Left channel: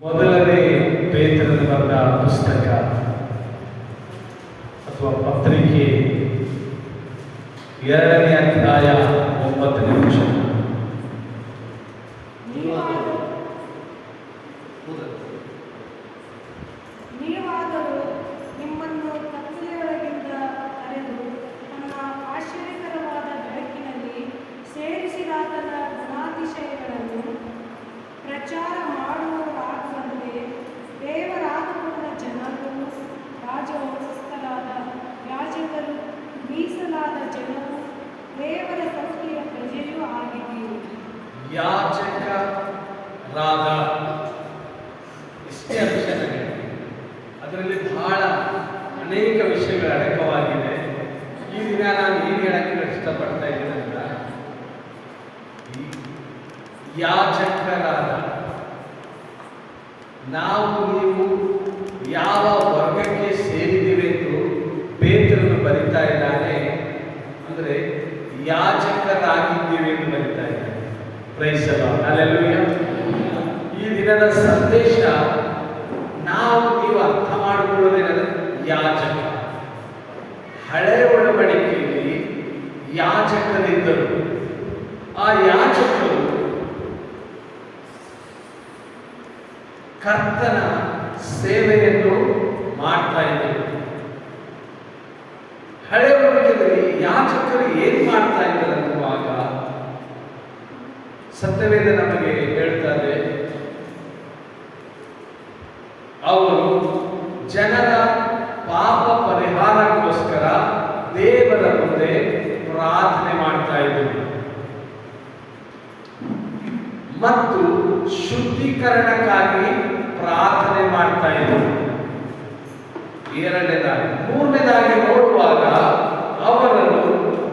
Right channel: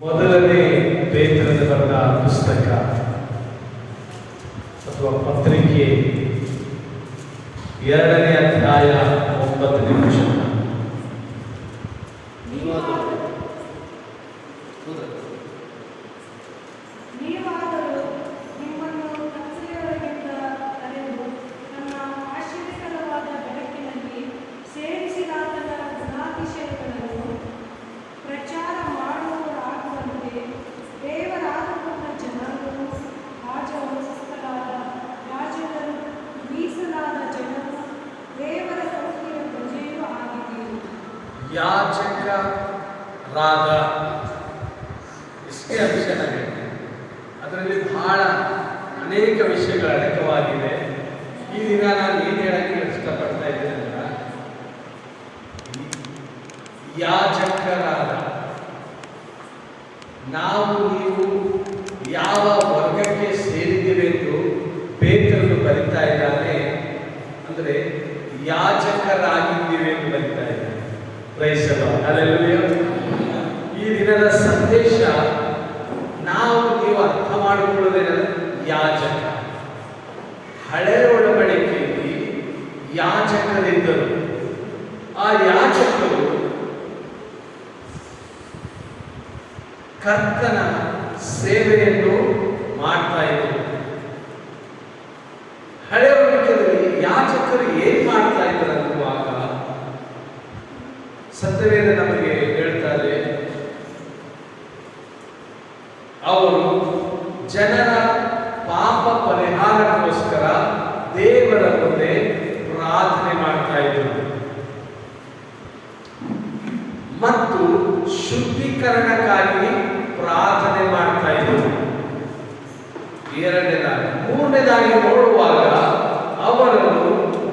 ಮೊದಲನೇ ಪೇತ್ರನ ಬರೆದ ಪುಸ್ತಕ ಅಥವಾ ಪತ್ರಿಕೆ 2ನೇ ಅಧ್ಯಾಯ 9ನೇ ವಚನ. ನೀವಾದರೂ ನಿಮ್ಮನ್ನು ಕತ್ತಲೆಯೊಳಗಿಂದ ಕರೆದು ತನ್ನ ಆಶ್ಚರ್ಯಕರವಾದ ಬೆಳಕಿನಲ್ಲಿ ಸೇರಿಸಿದಾತನ ಗುಣಾತಿಶಯಗಳನ್ನು ಪ್ರಚಾರ ಮಾಡುವವರಾಗುವಂತೆ ದೇವರಾದುಕೊಂಡ ಜನಾಂಗವು, ರಾಜವಂಶಸ್ಥರಾದ ರಾಜರು, ಮೀಸಲಾದ ಜನರು, ದೇವರ ಸಂಸ್ಥೆಯ ಪ್ರಜೆಯೂ ಆಗಿದ್ದೀರಿ. ಯಾಜಕರಾದ ಇಷ್ಟೇ ಅಂಶ ನಮಗೆ. ಅದರಲ್ಲಿ ಬಹಳ ಅನೇಕ ವಿಷಯಗಳು ಅಡಕವಾಗಿದೆ. ಈ ದಿನ ನಾನು ಏನು ಹೇಳಕ್ಕೆ ಇಷ್ಟಪಡ್ತಾ ಇದ್ದೀನಿ ಅಂದ್ರೆ, ಯಾಜಕರಾದ ನಾವು ನೀವು ಯಾವ ವರ್ಗಕ್ಕೆ ಸೇರಿದ್ದೇವೆ ಎಂದು ಪೇತ್ರನು ಬರಿತಾ ಇದ್ದಾನೆ ಅಂದರೆ ಯಾಜಕರಾಗಿದ್ದೇವೆ ಎಂದು ಬರಿತಾ ಇದ್ದಾನೆ. Praise the Lord, hallelujah. ಈ ದಿನದ ಸಂದೇಶ ನಾವು ನೀವು ಅರ್ಥ ಮಾಡಿಕೊಳ್ಳುವುದೇನೆಂದರೆ, ಯಾಜಕ. ಹಳೆಯ ಒಡಂಬಡಿಕೆಯಲ್ಲಿ ಯಾಜಕರಿದ್ದರು. ಆ ಯಾಜಕರು ಕರ್ತನ ಸೇವೆಯನ್ನು ಮಾಡ್ತಾ ಇದ್ದರು. ಹಳೆಯ ಒಡಂಬಡಿಕೆಯಲ್ಲಿ ಯಾಜಕರು ಏನ್ ಮಾಡ್ತಾ ಇದ್ದಾರೆ ಅನ್ನುವಾಗ ಸತ್ಯವೇದ ನಮಗೆ ಹೇಳ್ತಾರೆ, ಅವರು ಜನರ ಪಾಪ ಪರಿಹಾರಕ್ಕೋಸ್ಕರ ದೇವರ ಮುಂದೆ ಪ್ರಾರ್ಥನೆ ಮಾಡ್ತಾ ಇದ್ದರು ಮತ್ತು ಶುದ್ಧೀಕರಣಕ್ಕಾಗಿ ಪ್ರಾರ್ಥನೆ ಮಾಡ್ತಾ ಇದ್ದರು. ಎರಡನೇದಾಗಿ, ಮೂರನೇದಾಗಿ ನೋಡುವಾಗ ಅವರನ್ನು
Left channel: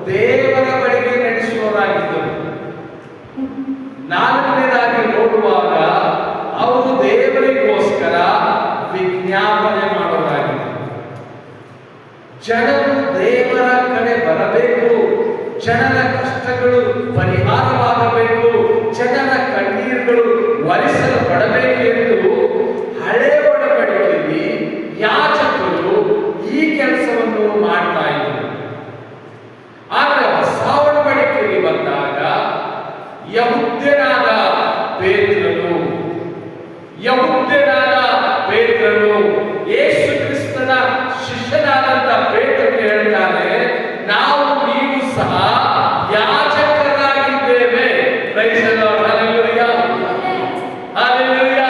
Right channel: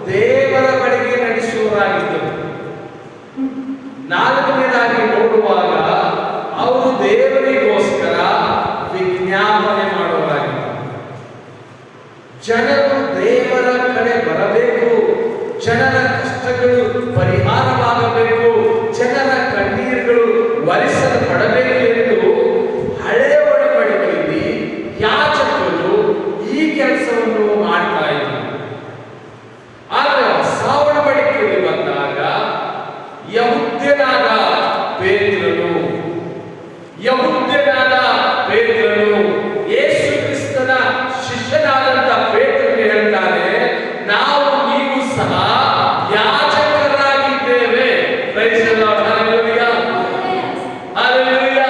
ದೇವರ ಬಳಿಗೆ ನಡೆಸುವವರಾಗಿದ್ದರು. ನಾಲ್ಕನೇದಾಗಿ ನೋಡುವಾಗ ಅವರು ದೇವರಿಗೋಸ್ಕರ ವಿಜ್ಞಾಪನೆ ಮಾಡುವವರಾಗಿದ್ದರು. ಜನರು ದೇವರ ಕಡೆ ಬರಬೇಕು, ಜನರ ಕಷ್ಟಗಳು ಪರಿಹಾರವಾಗಬೇಕು, ಜನರ ಕಣ್ಣೀರುಗಳು ಒರೆಸಲ್ಪಡಬೇಕು ಎಂದು ಹಳೆಯ ಒಡಂಬಡಿಕೆಯಲ್ಲಿ ಯಾಜಕರು ಈ ಕೆಲಸವನ್ನು ಮಾಡ್ತಾ ಇದ್ದರು. ಆದರೆ ಹೊಸ ಒಡಂಬಡಿಕೆಯಲ್ಲಿ ಬಂದಾಗ ಯಹೂದ್ಯನಾದ ಪೇತ್ರನು ಯೇಸು ಕ್ರಿಸ್ತನ ಶಿಷ್ಯನಾದಂತ ಪೇತ್ರನು ಹೇಳ್ತಾನೆ, ನಾವು ನೀವು ಸಹ ಯಾಜಕರಾಗಿದ್ದೇವೆ. Praise the Lord, hallelujah, hallelujah.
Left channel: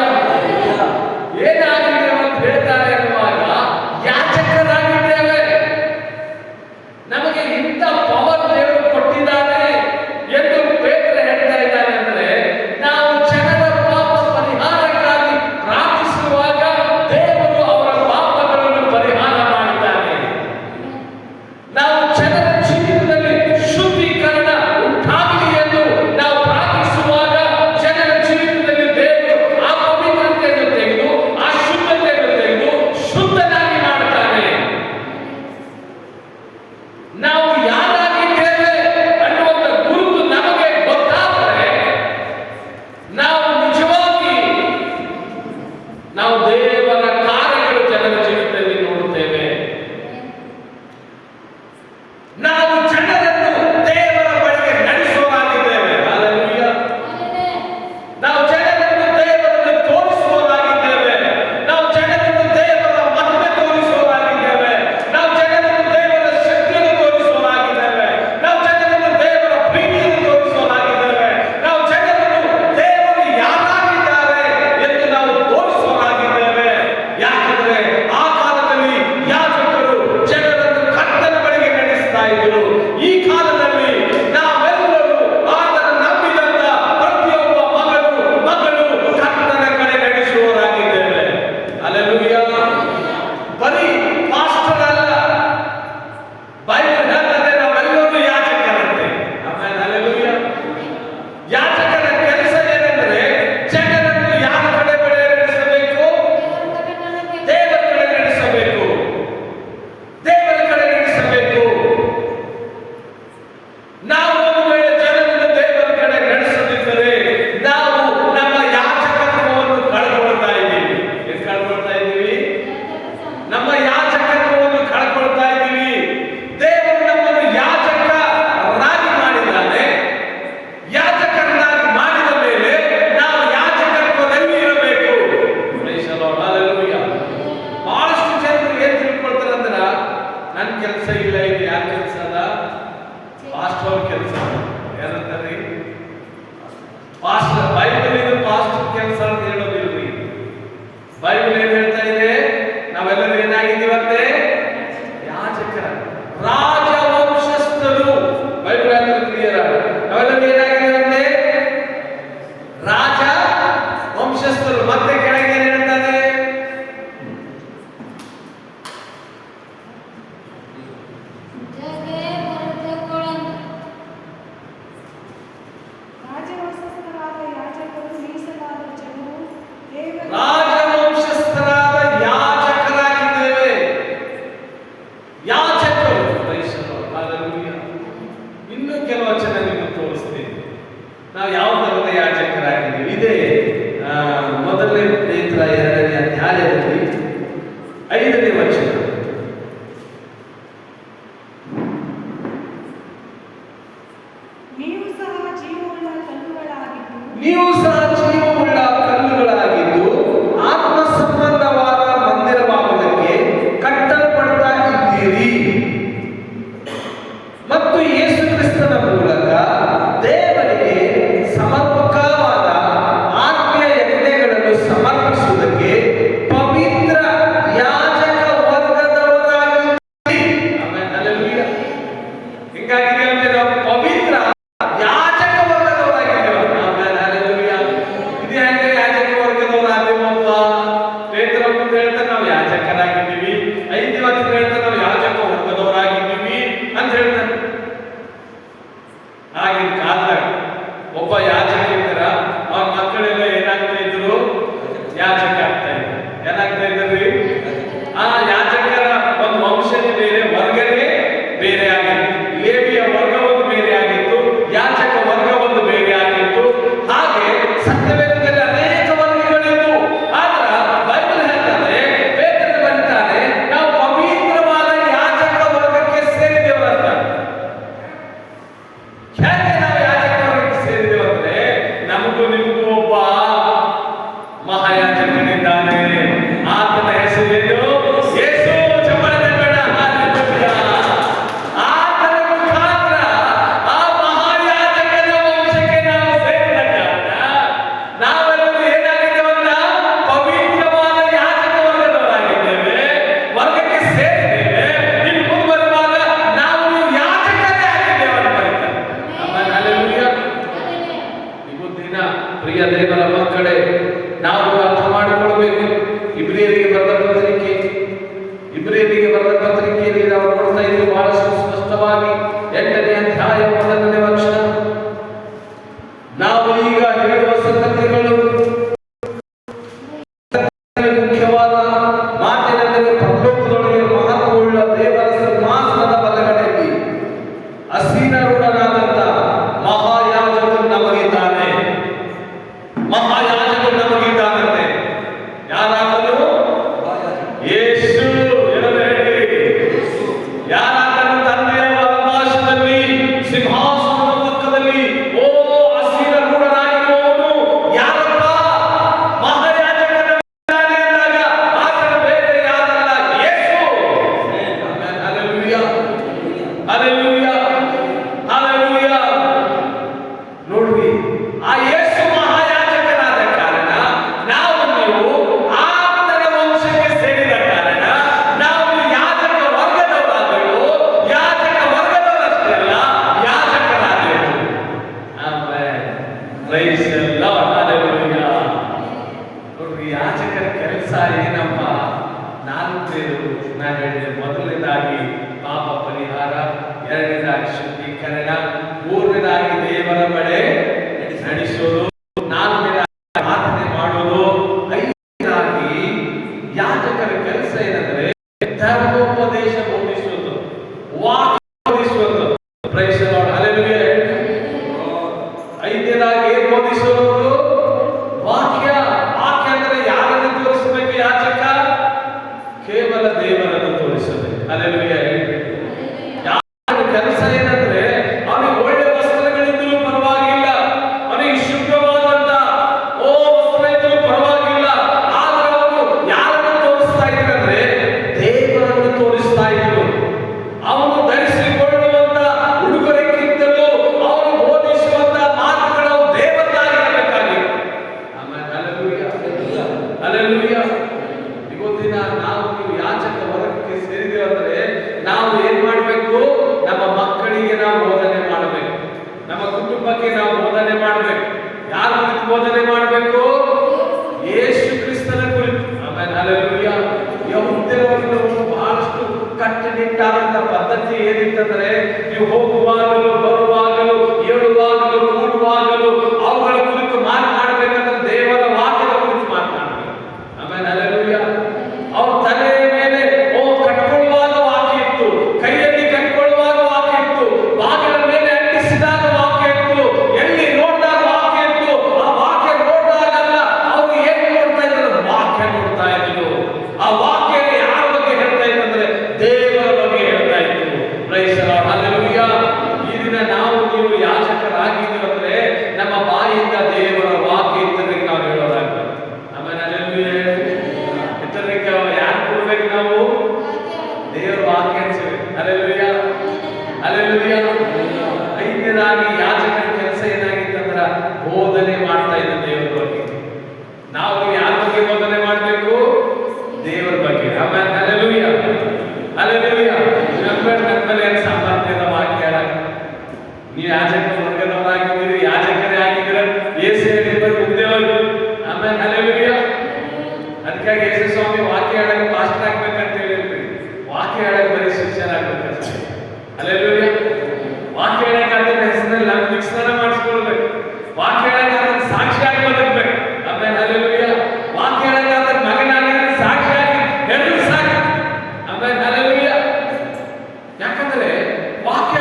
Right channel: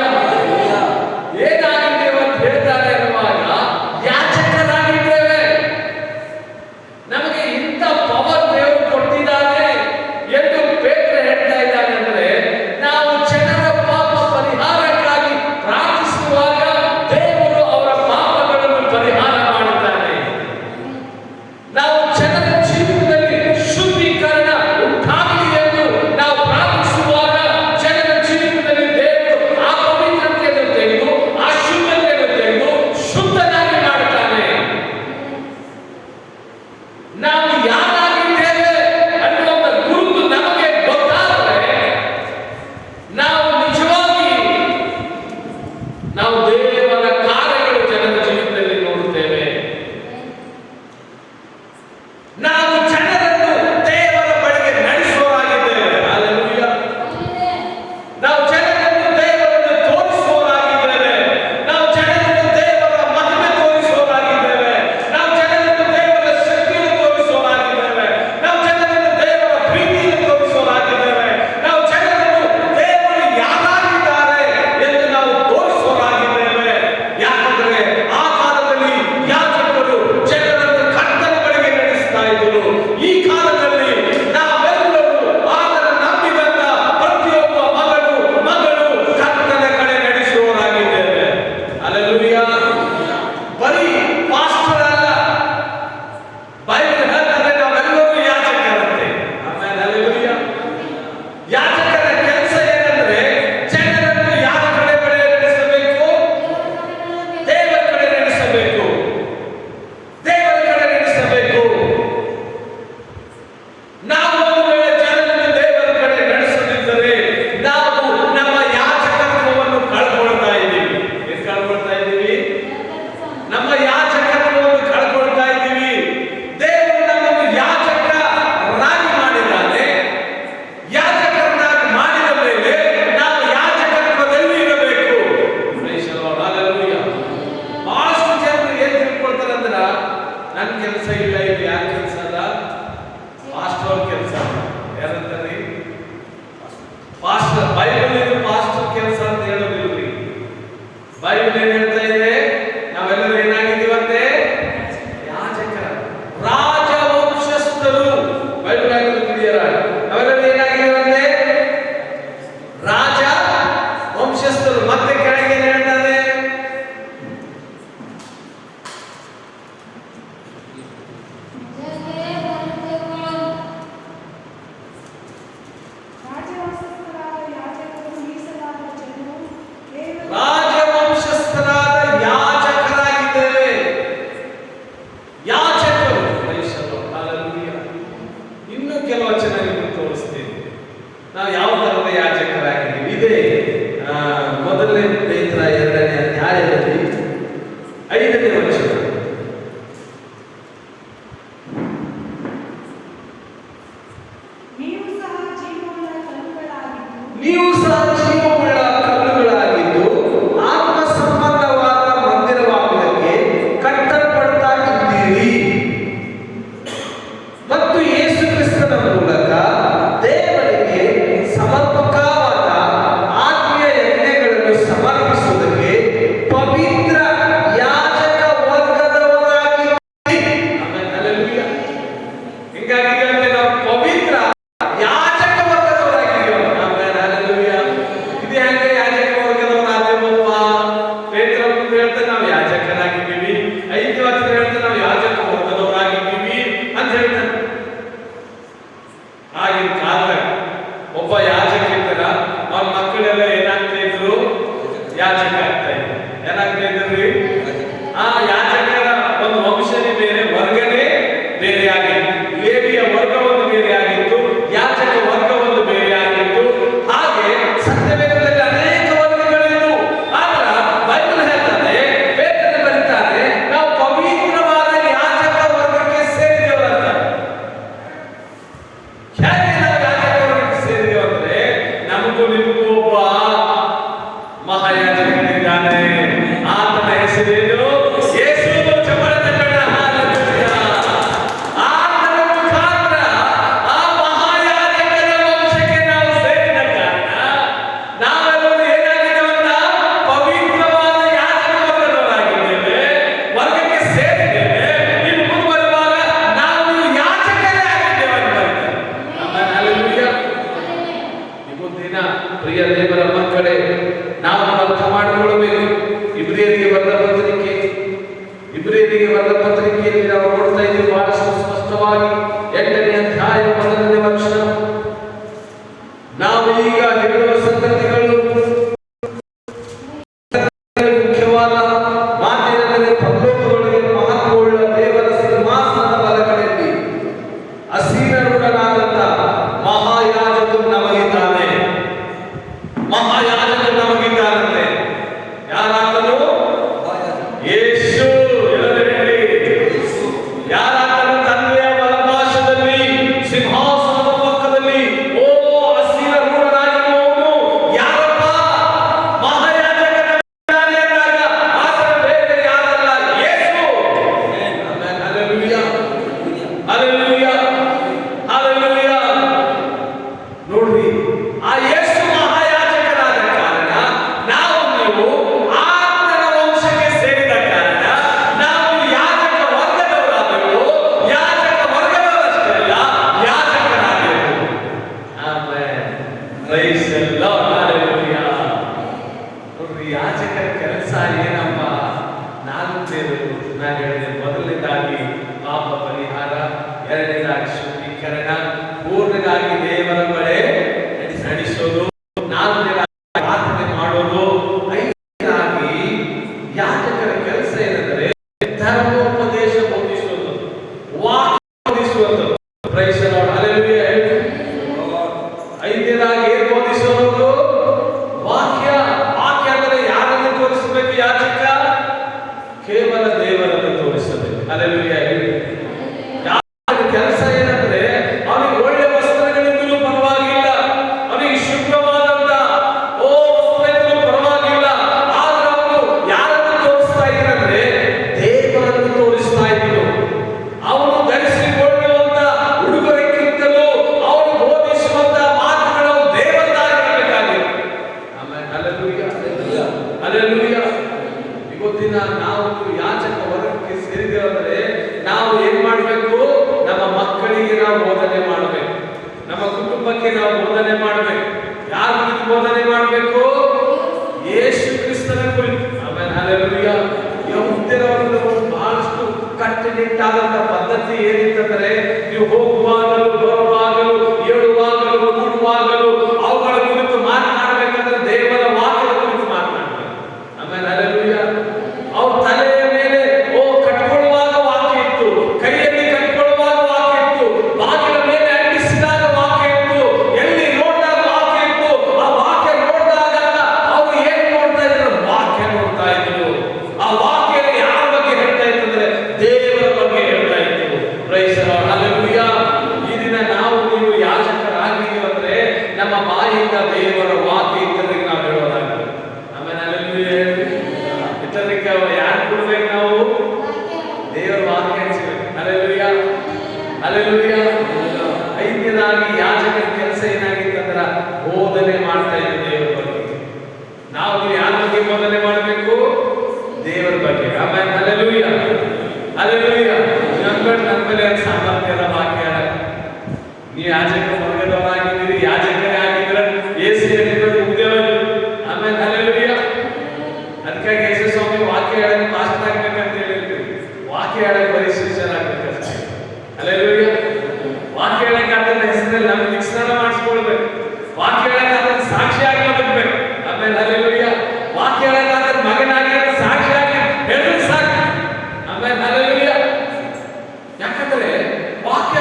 ಏನಾಗಿದ್ದೇವೆ ಅಂತ ಹೇಳ್ತಾರೆ ಅನ್ನುವಾಗ ಯಾಜಕರಾಗಿದ್ದೇವೆ. ನಮಗೆ ಇಂಥ ಪವರ್ ದೇವರು ಕೊಟ್ಟಿದ್ದಾನೆ ಎಂದು ಪೇತ್ರ ಹೇಳ್ತಾ ಇದ್ದಾನೆ. ಅಂದರೆ ನಾವು ಜನರ ಪಾಪ ಪರಿಹಾರಕ್ಕಾಗಿ ಪ್ರಾರ್ಥಿಸುವಾಗ ದೇವರು ಅವರ ಪಾಪಗಳನ್ನು ಪರಿಹಾರ ಮಾಡುತ್ತಾನೆ. ನಾವು ಜನರ ಜೀವಿತದಲ್ಲಿ ಶುದ್ಧೀಕರಣ ಉಂಟಾಗಲಿ ಎಂದು ನಾವು ಪ್ರಾರ್ಥಿಸುವಾಗ ಜನರ ಜೀವಿತದಲ್ಲಿ ದೇವರು ಆ ಪವಿತ್ರತೆಯನ್ನು ತೆಗೆದು ಆ ಶುದ್ಧತೆಯನ್ನು ತೆಗೆದು ಶುದ್ಧನಾಗಿ ಮಾಡುತ್ತಾನೆ. ನಾವು ಯಾರಾಗಿದ್ದೇವೆ ಅನ್ನುವಂಥ ಗುರುತು ನಮಗೆ ಗೊತ್ತಾದರೆ ನಾವು ನಿಜವಾಗಿ ನಾವು ದೇವರ ಕಾರ್ಯಗಳು ಜನರ ಜೀವಿತದಲ್ಲಿ ನೋಡುತ್ತೇವೆ. ನಾವು ಜನರನ್ನು ದೇವರ ಬಳಿಗೆ ನಡೆಸುವವರಾಗಿದ್ದೇವೆ. ಹಲ್ಲೆಲೂಯಾ. ನಾವು ಜನರನ್ನು ದೇವರನ್ನು ತೋರಿಸುವವರಾಗಿದ್ದೇವೆ. ನಾವು ಜನರನ್ನು ದೇವರ ಮಹಿಮೆ ತೋರಿಸುವವರಾಗಿದ್ದೇವೆ. ನಾವು ಜನರನ್ನು ದೇವರ ಶಕ್ತಿಯನ್ನು ತೋರಿಸುವವರಾಗಿದ್ದೇವೆ. ನಾವು ಜನರನ್ನು ದೇವರ ಪ್ರೀತಿಯನ್ನು ತೋರಿಸುವವರಾಗಿದ್ದೇವೆ. ನಾವು ಜನರನ್ನು ದೇವರು ಯಾರಾಗಿದ್ದಾರೆ ಎಂದು ನಾವು ತೋರಿಸುವವರಾಗಿದ್ದೇವೆ. ಬೈಬಲ್ ಏನ್ ಹೇಳ್ತಾ ಇದೆ? ನಾವೆಲ್ಲರೂ ಏನಾಗಿದ್ದೀವಂತೆ? ಯಾಜಕರ, ರಾಜವಂಶಸ್ಥರು. ಬೈಬಲ್ ಆಗಿದ್ದು ಕ್ಲಿಯರ್. ನಾವೆಲ್ಲರೂ ಏನಾಗಿದ್ದೀವಂತೆ? ರಾಜ ವಂಶಸ್ಥರು. ಮತ್ತೆ ಕೆಳಗೆ ಏನ್ ಹೇಳ್ತಾರೆ? ರಾಜವಂಶಸ್ಥರಾದ ಯಾಜಕರಾಗಿದ್ದೇವೆ. ಯಾಜಕರು. ಇನ್ನು ಕೆಲವು ವಚನ ನಿಮಗೆ ತೋರಿಸ್ತೇನೆ. ನಾವು ಯಾವ ತರದ ಯಾಜಕರಾಗಿದ್ದೀವಿ. ಇದೇ ಮೊದಲನೇ ಪೇತ್ರ 2ನೇ ಅಧ್ಯಾಯದಲ್ಲಿ 5ನೇ ವಚನ. ನೀವು ಸಹ ಜೀವವುಳ್ಳ ಕಲ್ಲುಗಳಾಗಿದ್ದು ಆತ್ಮ ಸಂಬಂಧವಾದ ಮಂದಿರವಾಗುವುದಕ್ಕೆ ಕಟ್ಟಲ್ಪಡ್ತಾ ಇದ್ದೀರಿ ಮತ್ತು ಯೇಸು ಕ್ರಿಸ್ತನ ಮೂಲಕ ದೇವರಿಗೆ ಸಮರ್ಪಕವಾದ ಆತ್ಮೀಯ ಯಜ್ಞಗಳನ್ನು ಸಮರ್ಪಿಸುವುದಕ್ಕೆ ಪವಿತ್ರ ಯಾಜಕ ವರ್ಗದವರಾಗಿದ್ದೀರಿ. ಹಲ್ಲೆಲೂಯಾ. ಹಿಂಗಾಗಿ ನಾವು ಪವಿತ್ರ ಯಾಜಕ ವರ್ಗದವರಾಗಿದ್ದೀವಿ. ಹಲ್ಲೆಲೂಯಾ. ಇದು ಹೆಂಗೆ ಯಾಜಕ ವರ್ಗದವರಾಗಿದ್ದೀವಪ್ಪ? ಪೇತ್ರ ಹೇಳ್ತಾರೆ ನಾವು ಯಾಜಕರಾಗಿದ್ದೀವಿ. 5 ವಚನ ಹೇಳ್ತಾರೆ ನಾವು ಯಾಜಕ ವರ್ಗದವರಾಗಿದ್ದೀವಿ ಅಂತ ಹೇಳ್ತಾರೆ. ಆಗಿನ ಕಾಲದಾಗ ಒಬ್ಬ ಯಾಜಕ ಇದ್ದರ ಅವ್ರ ಮಕ್ಕಳೆಲ್ಲ ಏನಾಗ್ತಾ ಇದ್ರು? ಯಾಜಕ ಆಗ್ತಾ ಇದ್ರು. ಏನಾಗ್ತಾ ಇದ್ರಿ? ಆ ಯಾಜಕರ ಒಂದು ವಂಶನೇ ಬೇರೆ, ವರ್ಗನೇ ಬೇರೆ ಆಗಿತ್ತು. ಲೇವಿಯ ವರ್ಗ ಒಂದು ಬೇರೆ ಆಗಿತ್ತು, ಯಾಜಕ ವರ್ಗ ಒಂದು ಬೇರೆ ಆಗಿತ್ತು. ಹಾಗೆ ಸತ್ಯವೇದದಲ್ಲಿ ಅನೇಕ ವರ್ಗಗಳಿದ್ದು. ಆದ್ರ ಬೈಬಲ್ ಹೇಳ್ತಾನೆ, ಪೇತ್ರನು ಬರೀತಾನೆ, ನಾವು ಪವಿತ್ರವಾದ ಯಾಜಕ ವರ್ಗಕ್ಕೆ ಸೇರಿದೆವರಂತ. ಹೇಗೆ ನಾವು ಯಾಜಕ ವರ್ಗಕ್ಕೆ ಸೇರಿದೆವು ಅಂದ್ರೆ, ನಮಗೂ ನಿಮಗೂ ಒಬ್ಬ ಮಹಾಯಾಜಕನಿದ್ದಾನೆ. ಆತನ ಹೆಸರೇನು? ಯೇಸು. ಚಪ್ಪಳದ ಕಣ. ಹಲ್ಲೆಲೂಯಾ. ಆತನ ಮುಖಾಂತರ ಆ ಮಹಾಯಾಜಕನ ವಂಶಕ್ಕೆ ನಾವು ಸೇರಿದ ಕಾರಣ ನಾವೆಲ್ಲರೂ ಏನಾಗಿದ್ದೇವಂತ? ಪವಿತ್ರವಾದ ಯಾಜಕ ವರ್ಗದವರಾಗಿದ್ದೇವೆ, ವರ್ಗಕ್ಕೆ ಸೇರಿದ್ದೇವೆ. ಇನ್ನು ಮುಂದುವರೆಯುವಾಗ ನಾವು ಯಾಜಕರೇ ಆಗಿದ್ದೇವೆ ಅಂತ ಬರೀತಾರೆ. ಆಮೆನ್. ಹಲ್ಲೆಲೂಯಾ. ಇವತ್ತಿನ ಪ್ರಿಯ ದೇವರ ಮಕ್ಕಳೇ, ನಾವು ಅರ್ಥ ಮಾಡಿಕೊಳ್ಳಬೇಕು. ಇಬ್ರಿಯರಿಗೆ ಬರೆದ ಪತ್ರಿಕೆಯಲ್ಲಿ ನಾವು ನೋಡ್ತಾ ಇದ್ದೀವಿ ಬಹಳಷ್ಟು ಸ್ಪಷ್ಟವಾಗಿ 8ನೇ ಅಧ್ಯಾಯ 1ನೇ ವಚನ. ನಾವು ಈಗ ಹೇಳುವ ಸಂಗತಿಗಳು ಮುಖ್ಯವಾದ ಮಾತಿನಲ್ಲಿ ಪರಲೋಕದೊಳಗೆ ಮಹತ್ವವುಳ್ಳ ದೇವರ ಸಿಂಹಾಸನದ ಬಲಗಡೆಯಲ್ಲಿ ಅಸೀರೂಢನಾದಂತ ಮಹಾಯಾಜಕನು ನಮಗಿದ್ದಾನೆ. ಮಹಾಯಾಜಕನು ನಮಗಿದ್ದಾನಂತೆ. ಯಾರಾತನು? ಯೇಸು. ಯಾರಾತನು? ತಂದೆಯ ಬಲಪಾರ್ಶ್ವದಲ್ಲಿ ಸಿಂಹಾಸನದ ಪಕ್ಕದಲ್ಲಿ ಓ ಅಸೀರೂಢನಾಗಿರುವವನು ಯಾರಪ್ಪ? ಮಹಾಯಾಜಕನಾಗಿದ್ದಾನೆ ಎಂದಾಗ ಆತನು ಬೇರೆ ಯಾರಲ್ಲ, ಯೇಸು. ಹಲ್ಲೆಲೂಯಾ. ಹಲ್ಲೆಲೂಯಾ. ಹಲ್ಲೆಲೂಯಾ. ನೋಡ್ರಿ, ಆ ಯೇಸು ಮಹಾಯಾಜಕನಾದ ಕಾರಣ ನಾವು ನೀವು ಆತನ ವಂಶಕ್ಕೆ ಸೇರಿದ ಕಾರಣ ನಾವು ಯಾಜಕ ವರ್ಗದವರಾದೆವು. ಯಾಜಕ ವರ್ಗದವರಷ್ಟೇ ಅಲ್ಲ, ಯಾಜಕರಾದೆವು. Amen. Praise the Lord. Hallelujah. ನೋಡ್ರಿ, ಯಾಜಕರ ಕೆಲಸ ಏನಪ್ಪ? ನಾನು ಹೇಳಿದೆ, ಮೊದಲನೇದಾಗಿ ಪಾಪ ಪರಿಹಾರ, ಎರಡನೇದಾಗಿ ಶುದ್ಧೀಕರಣ, ಮೂರನೇದಾಗಿ ದೇವರ ಬಳಿ ನಡೆಸೋದು, ನಾಲ್ಕನೇದಾಗಿ ಪ್ರಾರ್ಥನೆ ಮಾಡೋದು, ಐದನೇದಾಗಿ ಯಾಜಕರ ಕೆಲಸ ಏನಂದ್ರೆ ಧರ್ಮೋಪದೇಶ ಬೋಧಿಸುವುದು, ವಾಕ್ಯ ಬೋಧಿಸುವುದು. Praise the Lord. ಹಲ್ಲೆಲೂಯಾ. ಐದನೇದಾಗಿ ಏನು ಬೋಧಿಸೋದು? ವಾಕ್ಯ. ವಾಕ್ಯ ಅಂದ್ರೆ ಯಾರನ್ನು ತೋರಿಸಬೇಕು? ಯಾಜಕ ಕೇವಲ ದೇವರನ್ನು ತೋರಿಸಬೇಕು. ಹಲ್ಲೆಲೂಯಾ. ಯಾಜಕರ ಕೆಲಸ ಏನಂದ್ರೆ ಅವನಿಗೆ ಒಳ್ಳೆ ವಸ್ತ್ರಗಳಿದ್ದರೂ ಪರವಾಗಿಲ್ಲ, ಅವನಿಗೆ ಶುಭ್ರವಾದಂತ ವಸ್ತ್ರ ಇದ್ದರೂ ಪರವಾಗಿಲ್ಲ. ಆದ್ರೆ ಅವನು ಯಾರನ್ನು ತೋರಿಸ್ತಾ ಇದ್ದಾನೆ? ದೇವರನ್ನು ತೋರಿಸ್ತಾ ಇದ್ರು. ಅವನು ಧರಿಸಿಕೊಳ್ಳುವಂತ ಉಡುಗೊರೆಗಿಂತಲೂ ಅವನು ಬೋಧಿಸುವಂತ ಮಾತುಗಳು ದೇವರದಾಗಿರಬೇಕಾಗಿತ್ತು. ಆಮೇಲೆ ಹಲ್ಲೆಲೂಯಾ. ಹಲ್ಲೆಲೂಯಾ. ನಾವು ನೀವು ಯಾಜಕ ವರ್ಗಕ್ಕೆ ಸೇರಿದ್ದೇವೆ ಅಂದ್ರೆ ನಾವು ಏನ್ ಮಾಡ್ಬೇಕು? ನಮ್ಮ ಮಕ್ಕಳಿಗೆ ನಾವು ಬೋಧನೆ ಮಾಡಬೇಕು, ನಮ್ಮ ಕುಟುಂಬಕ್ಕೆ ನಾವು ಬೋಧನೆ ಮಾಡಬೇಕು. ಯಾರ ಕುರಿತು ಬೋಧನೆ ಮಾಡಬೇಕು? ಯೇಸು ಕ್ರಿಸ್ತನ ಕುರಿತು. ಆಮೇಲೆ ಹಲ್ಲೆಲೂಯಾ. ಯಹೂದ್ಯರವರಿಗೆ ಬಹಳಷ್ಟು ಕಟ್ಟುನಿಟ್ಟಾದಂತ ಪದ್ಧತಿ ಏನಿತ್ತಂದ್ರೆ, ನೀವು ಹೋಗುವಾಗಲೂ ಬರುವಾಗಲೂ ಏಳುವಾಗಲೂ ಕೂಡುವಾಗಲೂ ಅವುಗಳ ಕುರಿತು ಮಾತನಾಡಬೇಕಂದ್ರೆ ದೇವರ ವಾಕ್ಯದ ಕುರಿತು ಮಾತನಾಡಬೇಕು. ಆಮೇಲೆ ಹಲ್ಲೆಲೂಯಾ. ಅವ್ರ ತಲೆಯ ಮೇಲೆ ಕಟ್ಕೊಳ್ಳುವಾಗ ವಾಕ್ಯ ಇತ್ತು, ಕೈಯಲ್ಲಿ ಕಟ್ಕೊಳ್ಳುವಾಗ ವಾಕ್ಯ ಇತ್ತು, ಬಾಗಿಲ ಮೇಲೆ ಅಂಟಿಸಿದಾಗ ವಾಕ್ಯ ಇತ್ತು, ಎಲ್ಲಿ ನೋಡಿದಾಗ ವಾಕ್ಯ ಇತ್ತು. ಆ ವಾಕ್ಯ ನೋಡಿದಾಗಲ್ಲ ಅವರು ಏನ್ ನೋಡ್ತಾ ಇದ್ರು? ವಾಕ್ಯ ನೋಡ್ತಾ ಇದ್ರು. ಆ ವಾಕ್ಯ ಯಾರ ಬಗ್ಗೆ ಹೇಳ್ತಾ ಇತ್ತಂದ್ರೆ ದೇವರ ಬಗ್ಗೆ ಹೇಳ್ತಾ ಇತ್ತು. Praise the Lord. ಹಲ್ಲೆಲೂಯಾ. ಈ ದಿನ ನಾವು ನೀವು ಯಾಜಕರಾಗಿದ್ದೀವಿ ಅಂದ್ರೆ ನಮ್ಮ ಬಾಯಿಂದ ದೇವರ ವಾಕ್ಯ ಇದ್ದರಿಗೆ ನಾವು ಹೇಳೋದಾಗ್ತದೆ. ಆಮೇಲೆ ಹಲ್ಲೆಲೂಯಾ. ಇತರರಿಗೆ ಯಾರು ಕೊಡ್ಬೇಕು? ನಾವು ದೇವರ ವಾಕ್ಯ ಅನ್ಸಬೇಕು. ಹಲ್ಲೆಲೂಯಾ. ಹಲ್ಲೆಲೂಯಾ. ಐದನೇದಾಗಿ ಯಾಜಕರ ಕೆಲಸ ಏನಾಗಿತ್ತಂದ್ರ ಬೋಧನೆ ಮಾಡ್ತಾ ಇದ್ದ ದೇವರ ಬಗ್ಗೆ. ನಾವು ಯಾರ ಬಗ್ಗೆ ಬೋಧನೆ ಮಾಡಬೇಕು? ದೇವರ ಬಗ್ಗೆ. ಆಮೇಲೆ ಹಲ್ಲೆಲೂಯಾ. ಹಲ್ಲೆಲೂಯಾ. ನಮ್ಮಲ್ಲಿ ಸಾಮರ್ಥ್ಯ ಇರೋ ವಾಕ್ಯ. ನೀವು ಯಾಜಕ ವರ್ಗದವರಾಗಿದ್ದೀರಿ, ಯಾಜಕರೇ ಆಗಿದ್ದೀರ, ಯೇಸು ಹೇಳಿದ್ರು ಉದ್ಯೋಗ. ಆಮೇಲೆ ಹಲ್ಲೆಲೂಯಾ. ಅದಕ್ಕಾಗಿ ಯೇಸು ಸ್ವಾಮಿ ವಾಕ್ಯ ಹೇಳಕ್ಕೆ ಮಾಸ್ಟರ್ ಆಗ್ಬೇಕಂತ ಹೇಳಿದ್ರಿ. ವಾಕ್ಯ ಹೇಳಕ್ಕೆ ಬರೀ ಶಿಷ್ಯರಾಗಬೇಕು. ಹಲ್ಲೆಲೂಯಾ. ವಾಕ್ಯ ಹೇಳಕ್ಕೆ ಅದನ್ನ ಹೆಸರಲ್ಲಿ ನಮ್ಮ ನಿಕ್ಸ್ನಾನ ಮಾಡಿಸ್ಕೊಳ್ಬೇಕು. ವಾಕ್ಯ ಹೇಳಕ್ಕೆ ಅದನ್ನ ಸಾಕ್ಷಿಯಾಗಿ ಬದುಕಬೇಕು. ಆಮೇಲೆ ಹಲ್ಲೆಲೂಯಾ. ವಾಕ್ಯ ಹೇಳಕ್ಕೆ ಅದನ್ನ ಮಗನಾಗಿ ಸಾಕ್ಷಿಯಾಗಿ ಹೇಳಿದ್ರೆ ಸಾಕು. ಆಮೇಲೆ ಹಲ್ಲೆಲೂಯಾ. ಯಾಕಂದ್ರೆ ವಾಕ್ಯ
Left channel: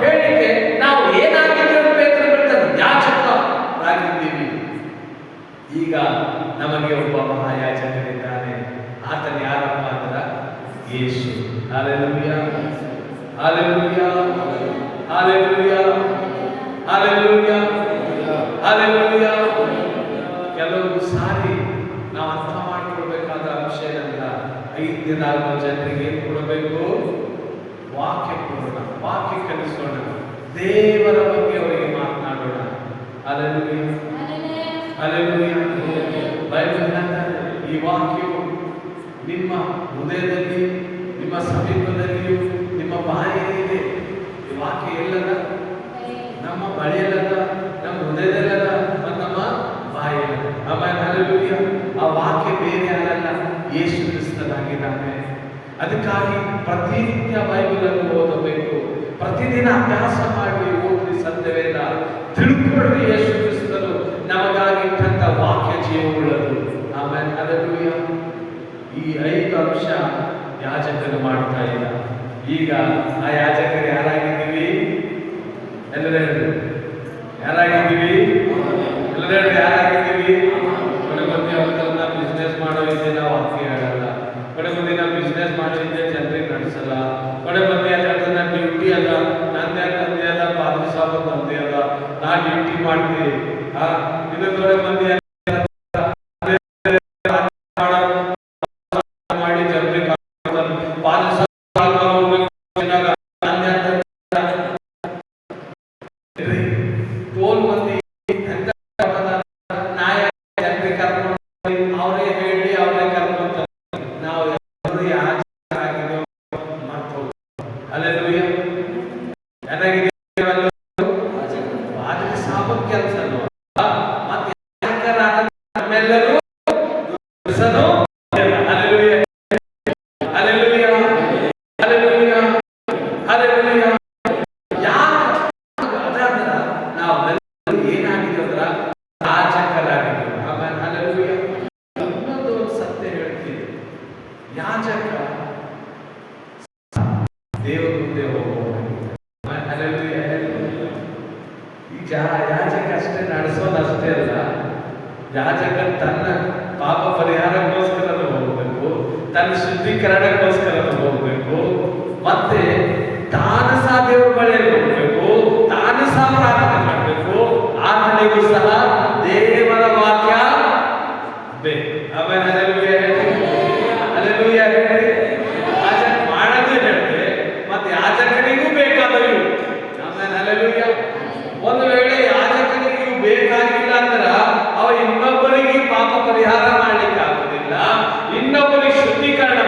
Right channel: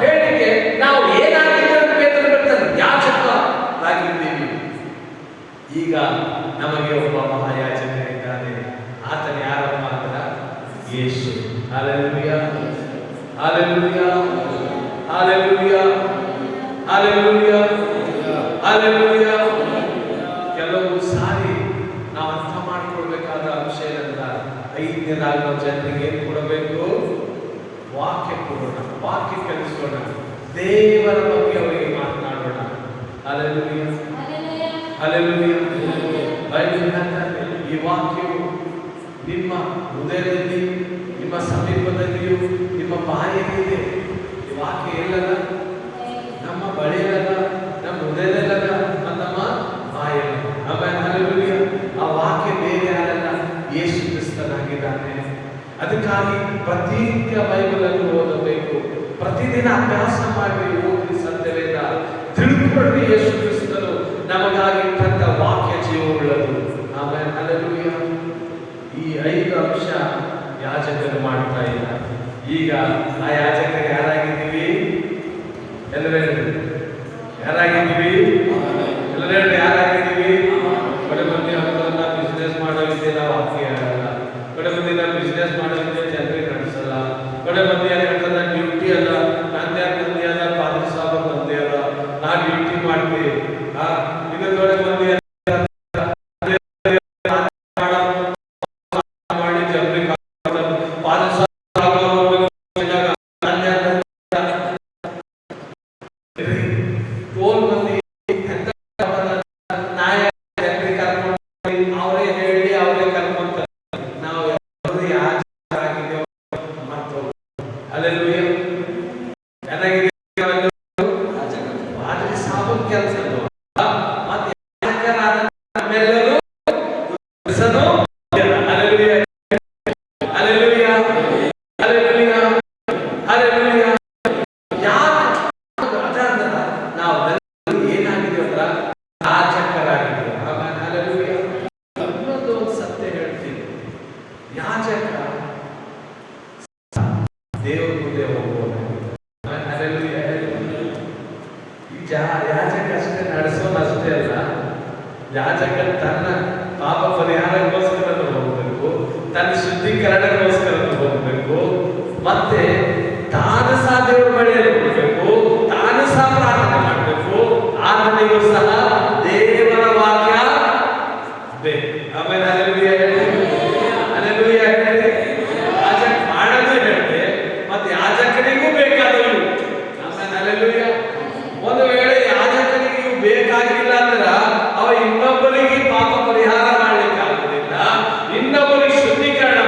ಹೇಳಿಕೆ ನಾವು ಏನಾಗಿದ್ದೀವಿ ಅಂತ ಬೇಕಾದ್ರೆ ಯಾಜಕರಾಗಿದ್ದೀವಿ. ಈಗ ನಮಗೆ ಒಬ್ಬ ಮಹಾಯಾಜಕನಿದ್ದಾನೆ. ಆತನ ಯಾರಪ್ಪ ಅಂದ್ರೆ Yesu. Hallelujah. Hallelujah. Hallelujah. Hallelujah. Hallelujah. ಕೆಲವು ಸಾರಿ ನಾವು ಅರ್ಥ ಮಾಡಿಕೊಳ್ಬೇಕಾದ ಅಂಶ ಏನಂದ್ರ, 5 ದಿನ ಜನರಿಗೆ ಏನ್ ಕೊಡಬೇಕು? ವಾಕ್ಯ ಕೊಡೋಣ, ವಾಕ್ಯ ಕಲಿಸೋಣ, ದೇವರ ಬಗ್ಗೆ ಅವರಿಗೆ ಮಾತನಾಡೋಣ. ಹಲ್ಲೆಲೂಯಾ. ಹಲ್ಲೆಲೂಯಾ. ಬೈಬಲ್ ಹೇಳ್ತಾರೆ, ಈ ವಾಕ್ಯವು ನಿಮ್ಮ ಹೃದಯದಲ್ಲಿ, ನಿಮ್ಮ ಸಮೀಪದಲ್ಲಿಯೂ, ನಿಮ್ಮ ಬಾಯಿಯಲ್ಲಿದೆ. ಈ ವಾಕ್ಯ ಎಲ್ಲದ? ನಮ್ಮ ಬಳಿಯಲ್ಲದ, ನಮ್ಮ ಹೃದಯದಲ್ಲದ ಮತ್ತು ನಮ್ಮ ಬಾಯಲ್ಲದ. ಆಮೇಲೆ ಹಲ್ಲೆಲೂಯಾ. ಆ ವಾಕ್ಯ ಬೇರೆ ಯಾರಲ್ಲ, ಯೇಸು ಕ್ರಿಸ್ತನಾಗಿದ್ದಾನೆ. ಅದಕ್ಕಾಗಿ ಪ್ರತಿನಿತ್ಯ ಬೈಬಲ್ ಅನ್ನು ಓದಬೇಕು. ಪ್ರತಿದಿನ ಅಭ್ಯಾಸ ಮಾಡಿ ಓದಿ ಸತ್ಯವೇದ ತಿಳ್ಕೊಳ್ಳಿ. ಯೇಸು ಕ್ರಿಸ್ತನು ನಮಗಾಗಿಟ್ಟಂತ ವಾಕ್ಯ ಜೀವವುಳ್ಳದು. ಆಮೇಲೆ ಹಲ್ಲೆಲೂಯಾ. ಈ 5 ಅಂಶ ಯಾಜಕರು ಮಾಡ್ತಾ ಇಲ್ಲ. ಈಗ ಆ ಯಾಜಕರು ಯಾರಾಗಿದ್ದೀವಿ? ಎಲ್ಲರೂ ಯಾರಾಗಿದ್ದೀವಿ? ಎಲ್ಲರೂ ಯಾರಾಗಿದ್ದೀವಿ? ಕಡೆ ಮಂದಿ ಅವ್ರನ್ನ ಬಿಸ್ನೆಸ್ ಮಾಡೋದಿದೆ, ನಾವು ವಾಕ್ಯ ಹೇಳಲ್ಲ. ಕಡೆ ಮಂದಿ ನಾವು ಬಿಸ್ನೆಸ್ ಮಾಡೋದಿದೆ, ಜನರಿಗೆ ನಡೆಸಲ್ಲ. ಕಡೆ ಮಂದಿ ಯಾಕಂದ್ರೆ ಡ್ಯೂಟಿ ಅಲ್ಲ, ನಂದೇ ಮಂದಿ ಅದ, ಪಾದ ಸಾಬ್ ಮಂದಿ ಅದ, ನಾ ಡ್ಯೂಟಿ ಮಾಡ್ತೀವಿ. ಇದು ಕಡೆ ಮಂದಿ ಮಾಡಿ ಜನರಿಗೆ ಪಾದ ಸಾಬ್ ಟೋಲ್ ಮಂದಿ ನಾಯ ಕರ್ಕೊಂಡು ಅವರೇ ಹೇಳಿ ಅವರೇ ಕರ್ಕೊಂತಾರೆ. ನಾವು ಯಾಜಕರಾಗಿದ್ದೇವೆ ಮಾಡ್ತೇವೆ. ಹಲ್ಲೆಲೂಯಾ. ಪಾದ ಸಾಬ್ ಕೆಲಸ ಮತ್ತೆ ಯಾಜಕರಾದ ನಮ್ಮೆಲ್ಲರೂ ದೇವರ ಮುಂದೆ ಹೋಗುವ ಯಾಜಕ ಅಷ್ಟೇ ನಡೆಸೋದು ಅಷ್ಟೇ ಅಲ್ಲ, ಯಾಜಕ ತನ್ನ ಪಾಪ ಪರಿಹಾರಕ್ಕೋಸ್ಕರ ಹೋಗಬೇಕು, ತನ್ನ ಶುದ್ಧೀಕರಣಕ್ಕೋಸ್ಕರ ಹೋಗಬೇಕು, ಮತ್ತೆ ತಾನು ಸಹ ದೇವರ ಬಳಿಯಲ್ಲಿ ಹೋಗಬೇಕು, ತಾನು ಸಹ ಪ್ರಾರ್ಥನೆ ಮಾಡಬೇಕು. ಆತನಿಗೂ ಸಹ ದೇವರ ವಾಕ್ಯ ಬೇಕು. ಆಮೇಲೆ ಹಲ್ಲೆಲೂಯಾ ಹೇಳಿ. ಯಾಜಕ ಮಾಡೋದು ಹೇಳಿದೆ, ಮತ್ತೆ ಯಾಜಕನಿಗೂ ಬೇಕಾದವು. ಆಮೇಲೆ ಹಲ್ಲೆಲೂಯಾ. ಒಂದು ವೇಳೆ ಯಾಜಕನಿಗೆ ಇವು ಬೇಕಾಗಿಲ್ಲ ಅಂದ್ರ ಅವ ಇನ್ನೊಬ್ಬರಿಗೆ ಪಾಪ ಪರಿಹಾರ ಮಾಡ್ಲಿಕ್ಕೆ ಆಗುದಿಲ್ಲ, ಇನ್ನೊಬ್ಬರಿಗೆ ಶುದ್ಧೀಕರಣ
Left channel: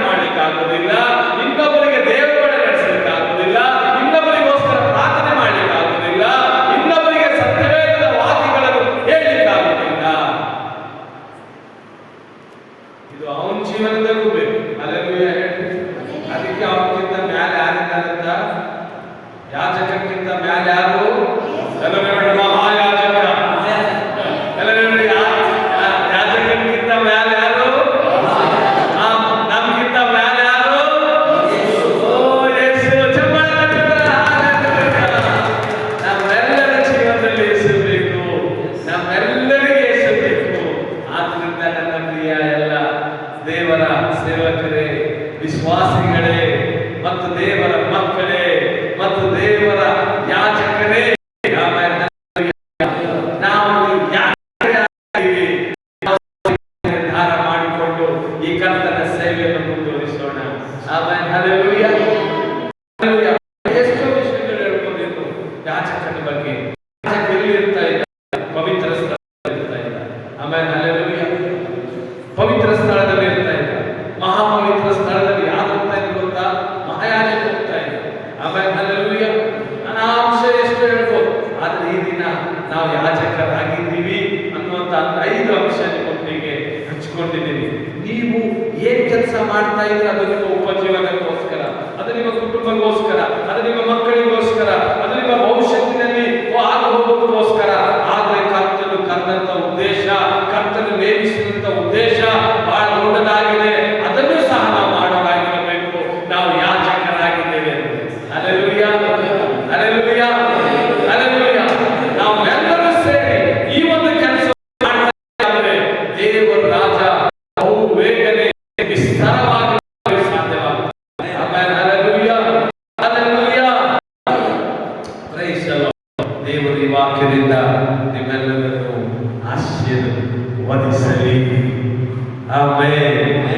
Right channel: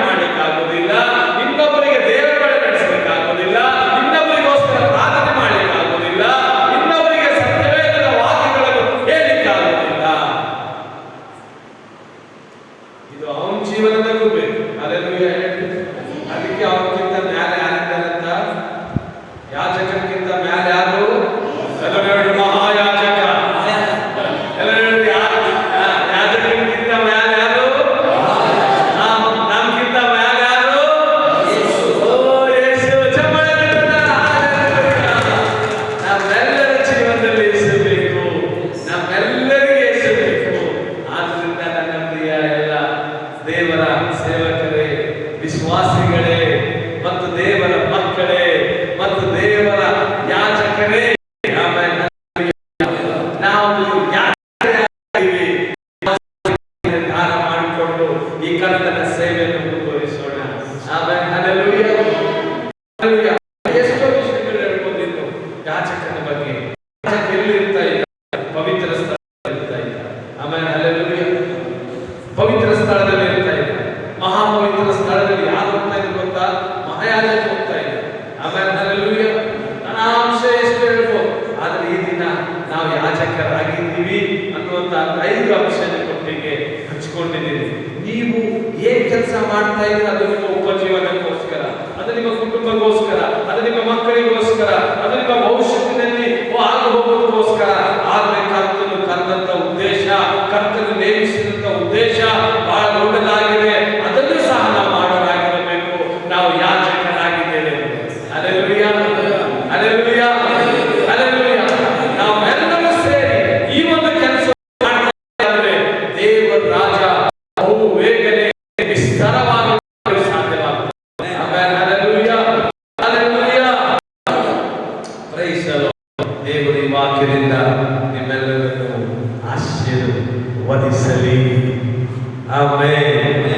ಇದು ಅವನ ಜೀವನದಲ್ಲೂ ಬೇಕು. ಅಲ್ಲೆಲ್ಲೂಯ್ಯ. ಅದಕ್ಕೆ ಅವನಿಗಿಂತ ಮ್ಯಾಲೆ ಯಾರಿದ್ದಾರಂತ? ಯಾಜಕಕ್ಕಿಂತ ಮ್ಯಾಲೆ ಯಾರು? ಎಲ್ಲರೂ ಮಹಾಯಾಜಕ. ಎಲ್ಲರೂ ಯಾಜಕಕ್ಕಿಂತ ಮ್ಯಾಲೆ ಯಾರು? ನಮ್ಗಿಂತ ಮ್ಯಾಲೆ ಯಾರು? ಓ ಯೇಸು. ಚಪ್ಪಾಳೆ ತಟ್ಟಿದ್ದಾರೆ. ನಮ್ಮೆಲ್ಲರ ಜೀವನದಲ್ಲಿ ಯೇಸು ಬೇಕು. ನಮ್ಮೆಲ್ಲರಿಗೂ ಯೇಸು ಬೇಕು. ಆದ್ರಿಂದ ನನ್ನ ಪ್ರಿಯ ಎಲ್ಲ ದೇವರ ಸೇವಕರೇ, ವಿಶ್ವಾಸಿಗಳೇ ಮತ್ತು ದೇವರ ಮಕ್ಕಳೇ ಮತ್ತು ದೇವರ ಯಾಜಕರೇ, ನಾವು ನಿರ್ಧಾರ ಮಾಡಿಕೊಂಡು ಈ ಕರ್ತನ ಸೇವೆಯನ್ನು ಮುಂದುವರಿಸೋಣ. ಆಮೇಲೆ ಹಲ್ಲೆಲೂಯಾ. ಹಲ್ಲೆಲೂಯಾ. ಎಷ್ಟೋ ವಿಷಯಗಳು ಹೇಳ್ಕೊಂಡಿದ್ದು ಯಾಜಕನ ಬಗ್ಗೆ. ಯಾಜಕ ಎಲ್ಲಿ ಇರ್ತಾ ಇದ್ದ? ಪವಿತ್ರ ಸ್ಥಳದಲ್ಲಿ ಇರ್ತಾ ಇದ್ದ. ಆಮೇಲೆ ಹಲ್ಲೆಲೂಯಾ. ಪವಿತ್ರ ಸ್ಥಳದಲ್ಲಿ ಇರ್ತಾ ಇದ್ದ. ಮಹಾಪವಿತ್ರ ಸ್ಥಳದಲ್ಲಿ ಯಾರು ಹೋಗ್ತಾ ಇದ್ರು ಗೊತ್ತಾ? ಮಹಾಯಾಜಕ ಹೋಗ್ತಾ ಇದ್ದ. ಆಮೇಲೆ ಹಲ್ಲೆಲೂಯಾ. ನಾನು ಆ ಅಂಶ ಎಷ್ಟು ಹೇಳ್ಬೋದು, ಆದ್ರೆ ಈ ದಿನ ನಾವು ಯಾಜಕರಾಗಿದ್ದೀವಿ ಅನ್ನುವಂತ 5 ಅಂಶ ನಿಮ್ಮೊಟ್ಟಿಗೆ ಹಂಚಿಕೊಂಡಿದ್ದೀವಿ. ನೀವು ಏನ್ ಕೆಲಸ ಮಾಡ್ತಾ ಇದ್ರೆ ಅದು ನಿಮ್ಮ ಉಪಜೀವನಕ್ಕೋಸ್ಕರ, ಅದು ನಿಮ್ಮ ಕುಟುಂಬಕ್ಕೋಸ್ಕರ, ಅದು ನಿಮ್ಮ ಮಕ್ಕಳಿಗೋಸ್ಕರ, ಅದು ನಿಮ್ಮ ಭವಿಷ್ಯತ್ತಿನಲ್ಲಿ ಆಗ ಹೋಗೋದಕ್ಕೋಸ್ಕರ. ಆದ್ರೆ ಕರ್ತನು ಕರೆದಂತ ಉದ್ದೇಶ, ಕರ್ತನು ನೇಮಿಸಿದಂತ ಉದ್ದೇಶ ಬಹಳ ದೊಡ್ಡದಾಗಿದೆ. ಅದನ್ನು ಸಹ ನಾವು ಮಾಡೋರಾಗಿರಬೇಕು. ನಾವು ಯಾಜಕರಾಗಿದ್ದೇವೆ. ಹಲ್ಲೆಲೂಯಾ. ಹಲ್ಲೆಲೂಯಾ. ಹಲ್ಲೆಲೂಯಾ. ನಾವೆಲ್ಲರೂ ಸೇರಿ ಈ ಒಂದು ಕೆಲಸ ಮಾಡ್ತಾ ಇದ್ದೇವೆ. ದೇವರ ರಾಜ ಬಹು ಬೇಗನೆ ವಿಸ್ತಾರವಾಗಿ ಸಾಧ್ಯವಾಗುತ್ತದೆ. Amen. Hallelujah. Hallelujah. Praise the Lord. ದೇವರ ಈ ವಾಕ್ಯದಿಂದ ನಿಮ್ಮೆಲ್ಲರನ್ನು ಆಶೀರ್ವದಿಸಲಿ. ಆಮೆನ್.